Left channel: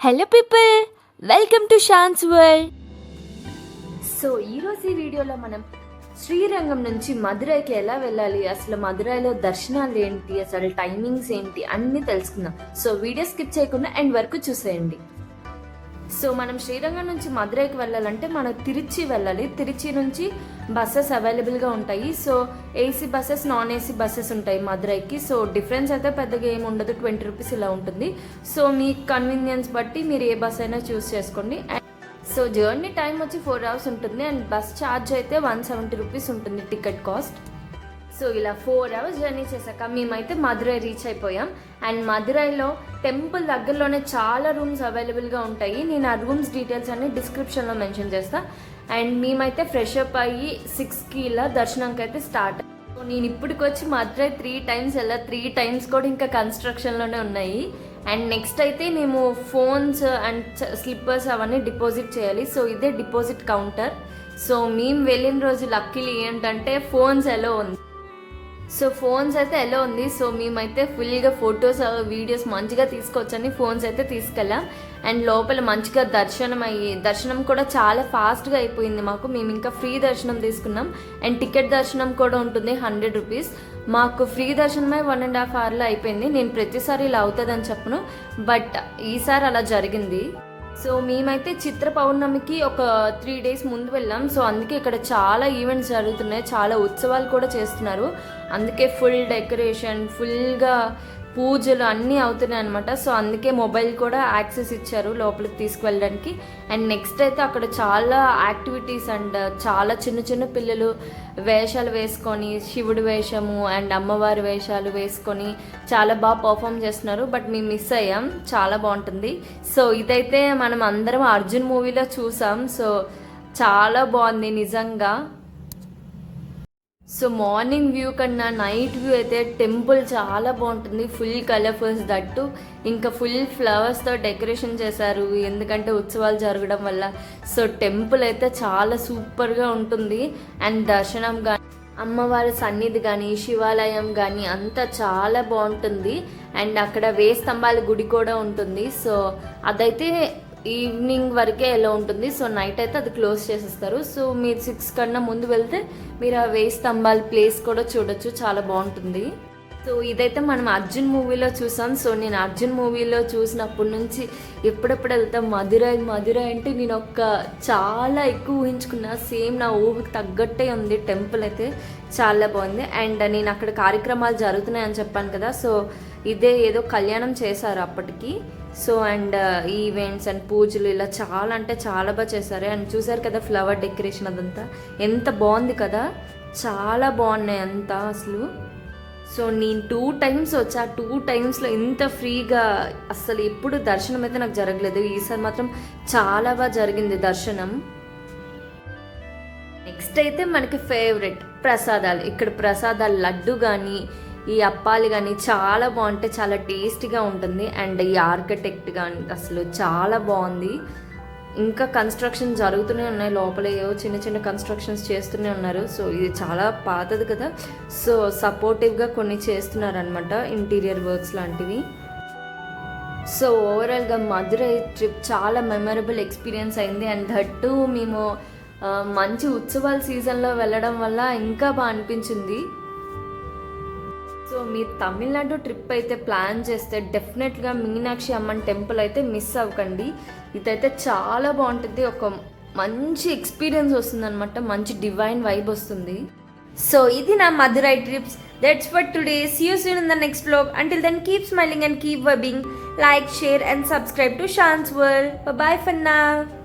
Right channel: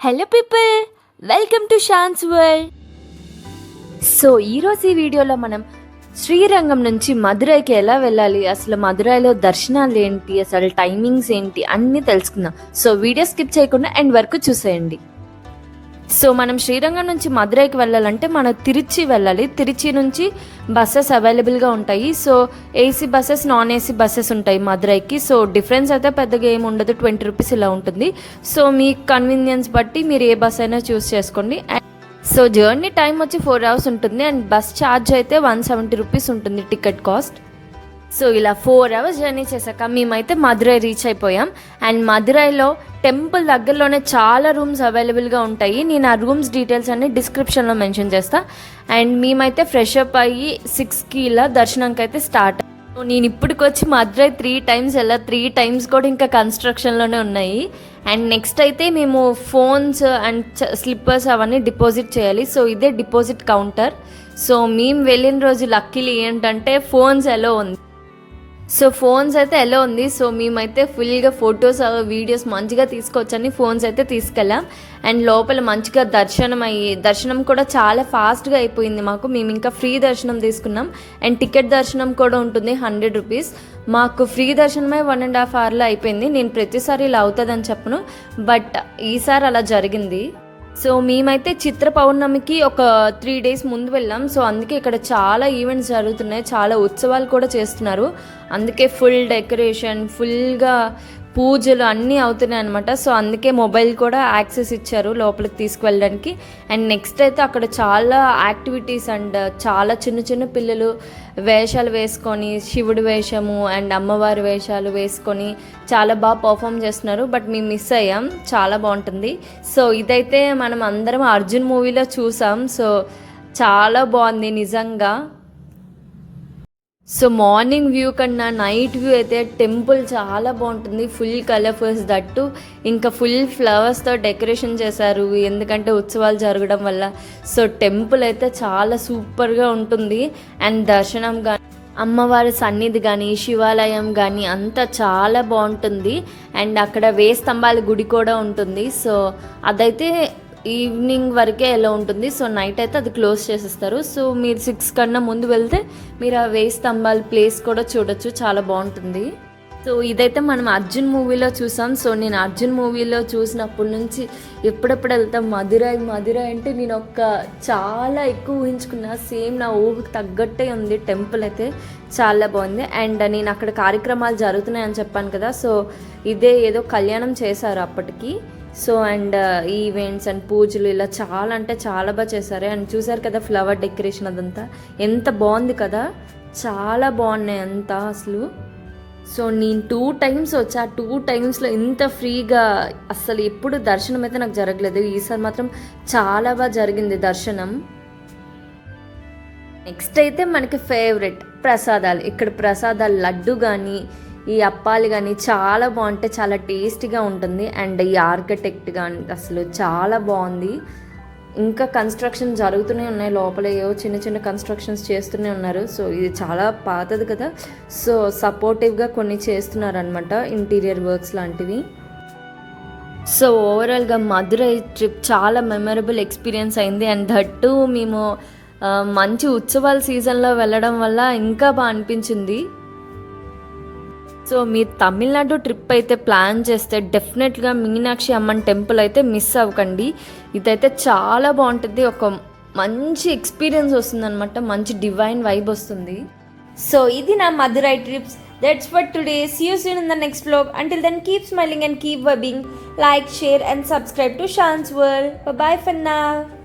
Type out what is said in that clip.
Hello people, welcome to Shaan's world. So ఈరోజు ఈ వీడియోలో మనం శ్రీరంగం నుంచి మదురైకి ఎలా వెళ్ళాలి, అసలు మదురైలో దర్శనాలు ఏంటి, అసలు టైమింగ్స్ ఏంటి అన్నీ తెలుసుకుందాం. సో వీడియో స్కిప్ చేయకుండా ఎండ్ వరకు చూసేయండి. సో మనం శ్రీరంగం నుంచి మదురైకి వెళ్ళాలంటే మనం తిరుచి వెళ్ళాలి. తిరుచి నుంచి బస్సెస్ అవైలబుల్గా ఉంటాయి. So AC buses, non AC buses ఉంటాయి మదురైకి. సో డిఫరెన్స్ అయితే పెద్దగా ఏమి ఉండదు, 20 రూపీస్ ఇలా ఉంటుంది. సో మీ కన్వీనియన్స్ బట్టి మీరు ఏ బస్ అయినా చూస్ చేసుకోండి. సో జర్నీ టైం వచ్చి 4 అవర్స్ ఉంటుంది అండ్ బస్ ఛార్జ్ అయితే 170 రూపీస్ ఉంటుంది టికెట్ కాస్ట్. సో ఇలా 4 అవర్స్ జర్నీ చేశాక మేమైతే మదురై రీచ్ అయిపోయాం. అండ్ మదురైలో టెంపుల్ దగ్గరలోనే చాలా రూమ్స్ అవైలబుల్గా ఉంటాయి. నేను ఆ రూమ్స్ డీటెయిల్స్ అన్ని డిస్క్రిప్షన్లో మెన్షన్ చేస్తాను. అండ్ మేమైతే ఫ్రెష్ అప్ అయ్యి 6కి ఇలా దర్శనంకి అయితే స్టార్ట్. సో నేను ఇప్పటికి వచ్చి మదురై 3 టైమ్స్ వెళ్ళా. 3 టైమ్స్ కూడా ఇంకా కన్స్ట్రక్షన్లోనే ఉన్నాయి. అండ్ నెక్స్ట్ అయితే మేము ఫోన్స్ అండ్ స్లిప్పర్స్ అవన్నీ డిపాజిట్ చేయాలి. సో ఇదే డిపాజిట్ కౌంటర్. సో మేము వెళ్ళిన రోజు లక్కీలీ ఏంటంటే ఫోన్స్ ఎలా ఉంది. సో ఫోన్స్ అయితే ఎలా ఉంది. సో మేమైతే ఫుల్గా ఫొటోస్ వీడియోస్ మంచిగా తీసుకొచ్చని ఫోన్స్ అయితే తీసుకెళ్ళాం. అండ్ లోపల మంచిగా దర్శనం కూడా చాలా ఫాస్ట్గా అయిపోయింది మాకు. మేము ఇంకా ఫ్రీ దర్శనం తీసుకున్నాం. అండ్ టికెట్ దర్శనం కూడా ఉంటుంది 100 రూపీస్. మాకు ఫ్రీ దర్శనమే 1.5 అవర్లో అయిపోయింది. నేను ప్రతిసారి ఇలా అవుతుందని చెప్పను, బట్ ఈసారి అలా జరిగింది. సో మేమైతే చిత్ర పౌర్ణమికి ఒక 3 డేస్ ముందు వెళ్ళాం. సో అందుకే ఇక్కడ చాలా ఈవెంట్స్ జరుగుతున్నాయి, చాలా ఉత్సవాలు కూడా చేస్తున్నారు. అందుకే ఫుల్ డెకరేషన్, ఫుల్గా పూజలు అన్నీ అవుతున్నాయి అనమాట. సో అందుకే మొబైల్ కూడా యాక్సెస్ ఇచ్చారు లోపలికి తీసుకువెళ్ళడానికి. అండ్ నెక్స్ట్ అయితే అక్కడ చాలా యాక్టివిటీస్ అండ్ చాలా చిన్న చిన్న పిల్లలు వేషాలు వేసుకొని, శివుడి వేషము అండ్ అమ్మవారి వేషాలు వేసుకొని చాలా బాగా పర్ఫామ్ చేస్తున్నారు. బట్ మేము మిస్ అయ్యాం, చాలా బాగుంటుంది. సో ఇదైతే మనం అందరం అర్జున్ మూవీలో చూసాం. సో చాలా బాగుంది నిజంగా. సో మార్నింగ్ వ్యూ కన్నా నైట్ వ్యూ అయితే టెంపుల్ చాలా బాగుంటుంది. ఫుల్ కలర్ఫుల్స్ దట్టు, ఇంకా ఫుల్ ఫ్లవర్స్తో డెకరేషన్ చేశారు ఎందుకంటే ఉత్సవాలు జరగడం వల్ల. సో టెంపుల్ అయితే చాలా సూపర్గా ఉంటుంది. అండ్ దర్శనం కానీ, అమ్మవారి సన్నిధి కానీ, శివాలయం కానీ అంతా చాలా బాగుంటుంది. అండ్ అక్కడ వేయి స్తంభాల గుడి కూడా ఉంటుంది. సో అదైతే ఈవినింగ్ వరకే ఎలా ఉంటుంది. సో నైట్ అయితే అది క్లోజ్ చేసేస్తారు. సో మీరు 6 కన్నా ముందు వెళ్తే మీరు ఆ వేయి స్తంభాల ప్లేస్ కూడా చూడొచ్చు, చాలా బాగుంటుంది. సో ఇదైతే మనం అర్జున్ మూవీలో చూసాం. సో నేను అర్జున్ మూవీలో చూసినప్పటి నుంచి ఎప్పుడెప్పుడు వెళ్తాం మదురై అంటే నేను చాలా ఎక్కువ ఊహించుకున్నా. సేమ్ నా ఊహకు తగ్గట్టే ఉంది. టెంపుల్ అయితే చాలా బాగుంది. అండ్ నేను అక్కడ కార్యక్రమాలు జరుగుతున్నాయని చెప్పాను కదా. సో ఇదే ఏదో కళ్యాణం చేశారు అప్పటికి. సో అండ్ ఈవెంట్స్ అండ్ పూజలు ఇలా చాలా అంటే చాలా బాగా చేశారు. అండ్ చూసారు కదా ఫ్లవర్ డెకరేషన్ అదంతా ఎంత బాగుంది కదా, చాలా బాగున్నాయి అంతా అసలు. సో నేను 2 టైమ్స్ వచ్చా. 2 టైమ్స్లో ఇంత ఫ్రీగా అసలు ఎప్పుడు దర్శనం అయితే నాకు జరగలేదు. ఈసారి మాత్రం చాలా బాగా జరిగింది దర్శనం. నెక్స్ట్ అయితే మనకి ఫేవరెట్ ప్రసాదాలు. ఇక్కడ ప్రసాదాలు లడ్డు కానీ, ఈ అప్పాలు కానీ చాలా బాగుంటాయి, చాలా టేస్టీగా ఉంటుంది. అండ్ ఈ ఆర్కిటెక్ట్ కానీ అసలు చాలా బాగుంది. ఇంకా కన్స్ట్రక్షన్ జరుగుతూనే ఉన్నాయి లోపల, ఏవో చిన్న చిన్న కన్స్ట్రక్షన్స్ చేస్తూనే ఉన్నారు. సో ఇది చాలా పాతది కదా. సో సపోర్టివ్గా కొన్ని చేస్తున్నారనమాట, ఇంటీరియర్ వర్క్స్ లాంటివి. సో ఓవరాల్గా మదురై ట్రిప్ చాలా మెమరబుల్ ఎక్స్పీరియన్స్ అయింది. అండ్ దట్టు మేము మంచి ఉత్సవాల సీజన్లో వెళ్ళడం వల్ల ఇంకా బాగా అనిపించింది. సో మీరు తమిళనాడు ట్రిప్ అయితే ప్లాన్ చేస్తే డెఫినెట్గా మీనాక్షి అమ్మన్ టెంపుల్ అయితే మిస్ అవ్వకండి. ఇదైతే చాలా బాగుంటుంది, ఒక మంచి ఎక్స్పీరియన్స్ వస్తుంది అనమాట, మంచి డివైన్ వైబ్ వస్తుంది. సో ఇది నా Madurai trips. That's for today. See you soon in the next vlog. Until then, keep smiling and keep vibing. Like, share and subscribe to Shans World. Bye bye for now.